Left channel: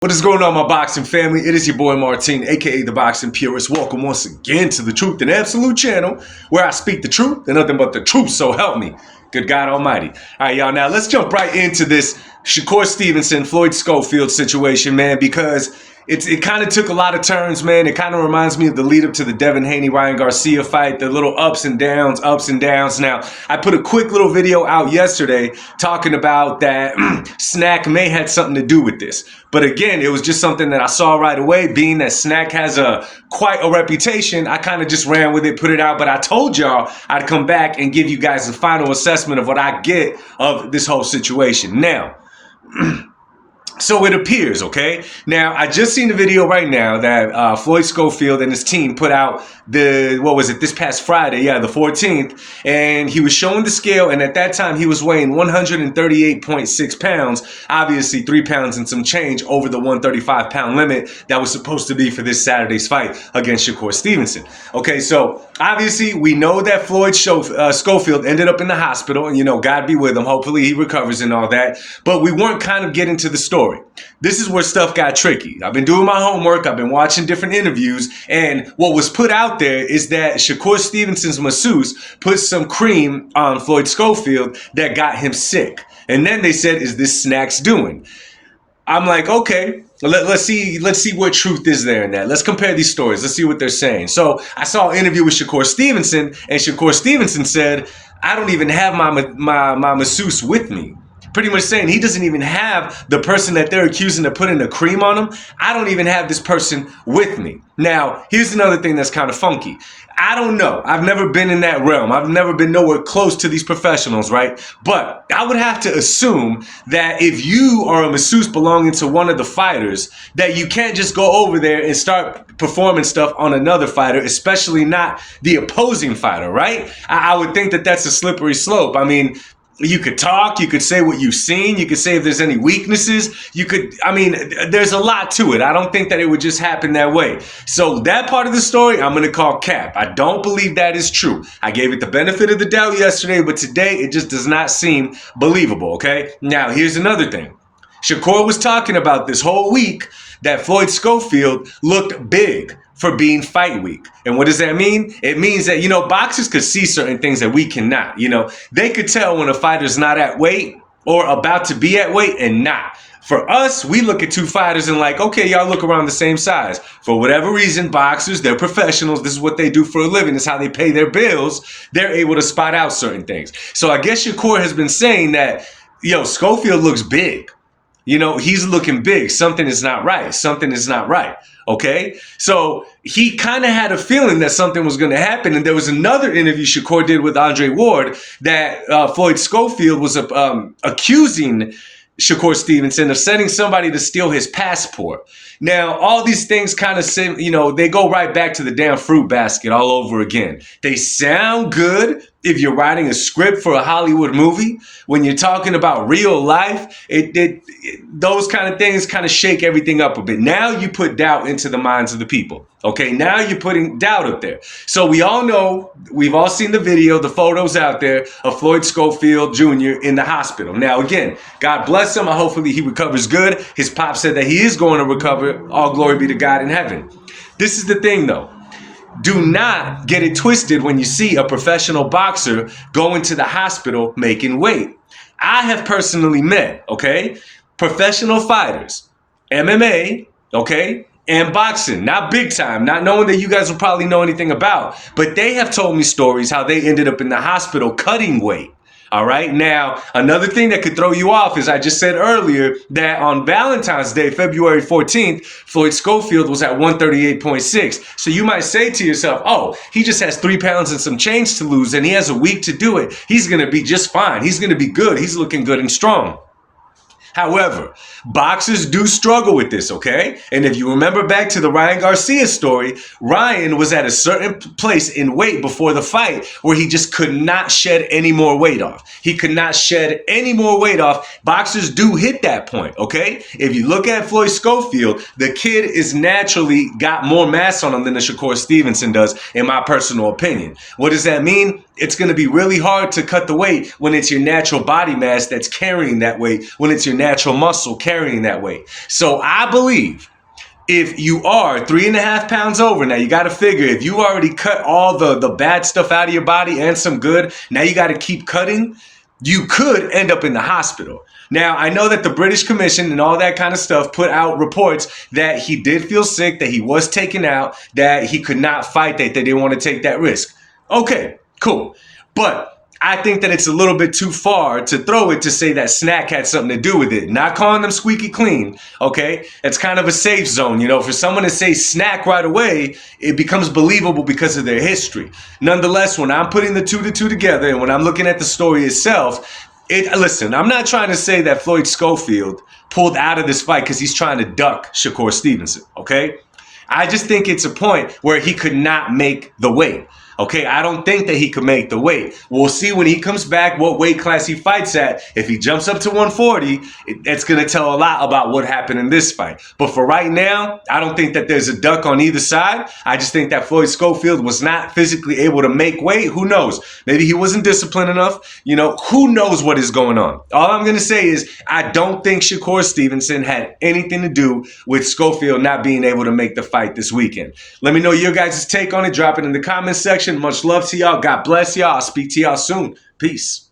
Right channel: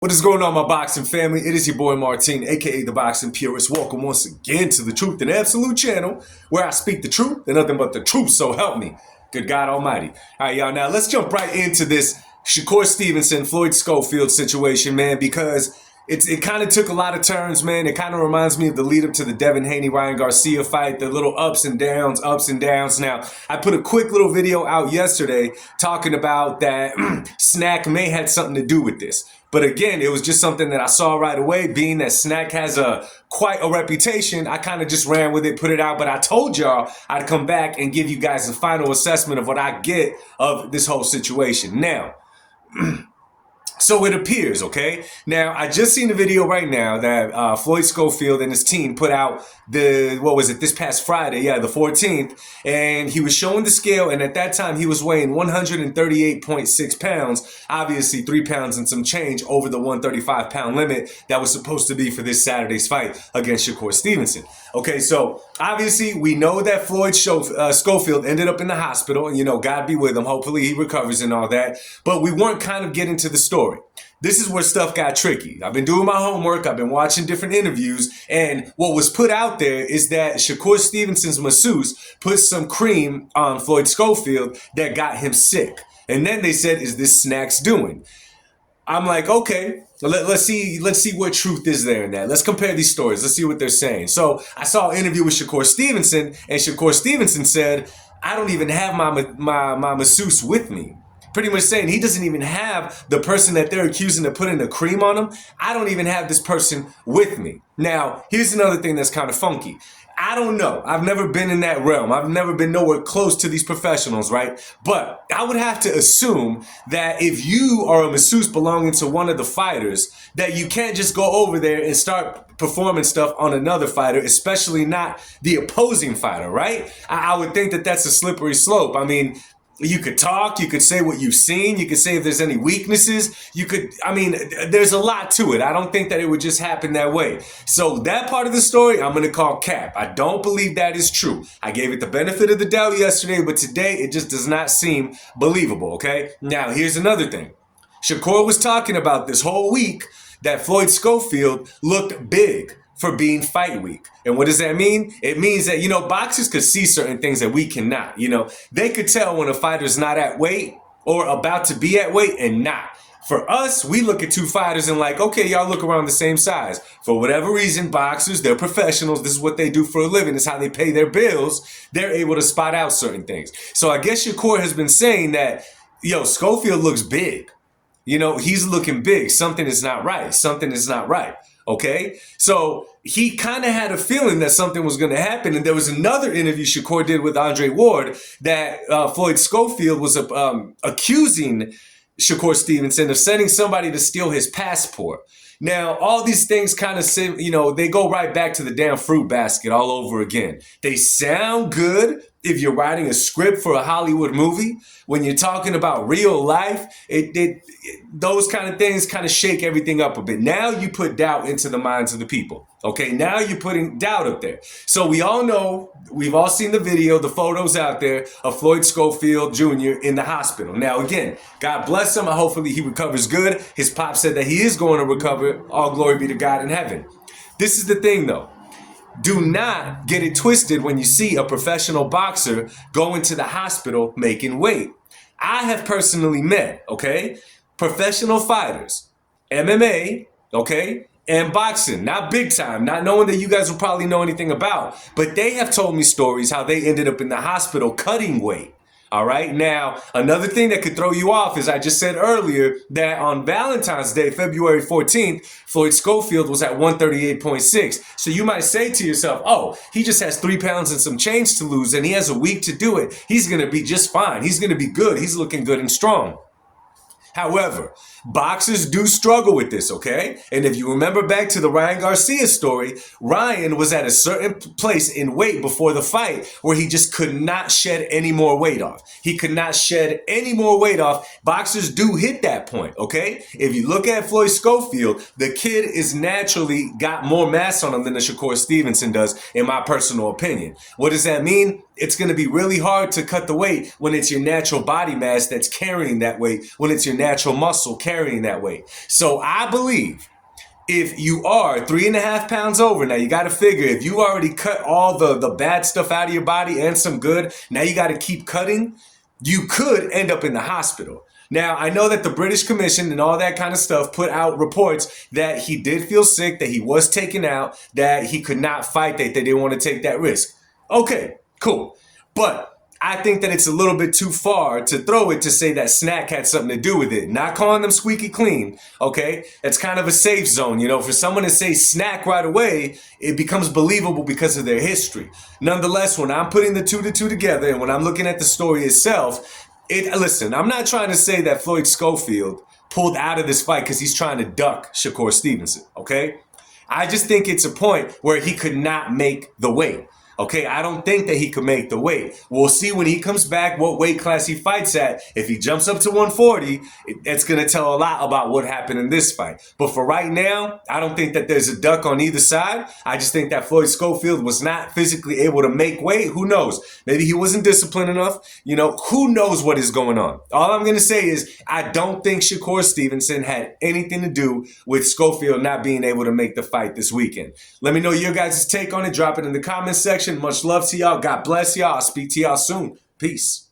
What is going on, my boxing family? It is your boy Martin, aka the Boxing Purist. Welcome once again to the Truth and Absolute channel, where I speak the truth and nothing but the truth, so help me. Good God Almighty. All right, y'all, now let's jump right into this Shakur Stevenson, Floyd Schofield situation, man, because it kind of took a lot of turns, man. It kind of reminds me of the lead up to the Devin Haney-Ryan Garcia fight, the little ups and downs. Now, I put a quick little video out yesterday talking about that Snack may had something to do with this. But again, it was just something that I saw right away. Being that Snack has quite a reputation, I kind of just ran with it, put it out. But I told y'all I'd come back and give you guys the final assessment of what I get of this whole situation. Now, so it appears, okay? Now, I just seen the video right now that Floyd Schofield and his team put out this past Friday, the 14th, and he was showing the scale, and at that time, he was weighing 138.6 pounds, obviously 3 pounds and some change over the 135-pound limit that was supposed to be for this Saturday's fight against Shakur Stevenson. Okay, so obviously, we know that Floyd Schofield ended up in the hospital, and, God be with him. Hopefully, he recovers and all that, but we weren't kind of getting to the story. This is where stuff got tricky. I've been doing my homework. I've been watching different interviews. And what was put out there is that Shakur Stevenson's masseuse put some cream on Floyd Schofield that got him sick. And then they said, is this Snack's doing? I'm like, okay, let's see what truth is there in that. Let's compare these stories. Let's see what they're saying. So I saw an interview with Shakur Stevenson, and Shakur Stevenson said, I don't even have my masseuse with me. Pretty much saying he doesn't even have the person that they're accusing of putting the cream on him. I don't even have this person with me. Now, here's another thing that's kind of funky. I don't know. I've never been in that realm. I've never been nowhere close to these professionals, right? But I would have to assume that if you are a masseuse belonging to one of the fighters, that you can't just go over there and start performing stuff on another fighter, especially not the opposing fighter, right? I would think that that's a slippery slope. I mean, you could talk, you could say what you've seen, you could say if there's any weaknesses, there's a lot to it. I don't think that it would just happen that way. So that part of the story, I'm going to call cap. I don't believe that is true. I gave it the benefit of the doubt yesterday, but today it just does not seem believable, okay? Now, here's another thing. Shakur was talking about this whole week that Floyd Schofield looked big for being fight week. And what does that mean? It means that, boxers could see certain things that we cannot. They could tell when a fighter's not at weight or about to be at weight and not. For us, we look at two fighters and like, okay, y'all look around the same size. For whatever reason, boxers, they're professionals. This is what they do for a living. This is how they pay their bills. They're able to spot out certain things. So I guess Shakur has been saying that, Schofield looks big. He's looking big. Something is not right. Something is not right. Okay? So he kind of had a feeling that something was going to happen. And there was another interview Shakur did with Andre Ward that Floyd Schofield was accusing Shakur Stevenson of sending somebody to steal his passport. Now, all these things kind of say, they go right back to the damn fruit basket all over again. They sound good if you're writing a script for a Hollywood movie. When you're talking about real life, those kind of things kind of shake everything up a bit. Now you put doubt into the minds of the people. Okay, now you're putting doubt up there. So we all know, we've all seen the video, the photos out there of Floyd Schofield Jr. in the hospital. Now, again, God bless him. Hopefully he recovers good. His pop said that he is going to recover. All glory be to God in heaven. This is the thing, though. Do not get it twisted when you see a professional boxer go into the hospital making weight. I have personally met, professional fighters, MMA, and boxing, not big time, not knowing that you guys will probably know anything about, but they have told me stories how they ended up in the hospital cutting weight. All right. Now, another thing that could throw you off is I just said earlier that on Valentine's Day, February 14th, Floyd Schofield was at 138.6. So you might say to yourself, oh, he just has 3 pounds and some change to lose and he has a week to do it. He's going to be just fine. He's going to be good. He's looking good and strong. However, boxers do struggle with this, okay? And if you remember back to the Ryan Garcia story, Ryan was at a certain place in weight before the fight where he just could not shed any more weight off. He could not shed any more weight off. Boxers do hit that point, okay? If you look at Floyd Schofield, the kid is naturally got more mass on him than the Shakur Stevenson does, in my personal opinion. What does that mean? it's going to be really hard to cut the weight when it's your natural body mass that's carrying that weight, when it's your natural muscle carrying that weight. So I believe if you are 3.5 pounds over, now you got to figure if you already cut all the bad stuff out of your body and some good, now you got to keep cutting, you could end up in the hospital. Now, I know that the British Commission and all that kind of stuff put out reports that he did feel sick, that he was taken out, that he could not fight, that they didn't want to take that risk. Okay, cool. But I think that it's a little bit too far to throw it to say that snack had something to do with it. Not calling them squeaky clean, okay? It's kind of a safe zone, you know. For someone to say snack right away, it becomes believable because of their history. Nonetheless, when I'm putting the two together and when I'm looking at the story itself, listen, I'm not trying to say that Floyd Schofield pulled out of this fight because he's trying to duck Shakur Stevenson, okay? I just think it's a point where he could not make the weight. Okay, I don't think that he could make the weight. We'll see when he comes back what weight class he fights at. If he jumps up to 140, it's going to tell a lot about what happened in this fight. But for right now, I don't think that there's a duck on either side. I just think that Floyd Schofield was not physically able to make weight. Who knows? Maybe he wasn't disciplined enough. You know, who knows what is going on? All I'm going to say is I don't think Shakur Stevenson had anything to do with Schofield not being able to make the fight this weekend. Let me know your guys' take on it. Drop it in the comments section. Much love to y'all. God bless y'all. I'll speak to y'all soon. Peace.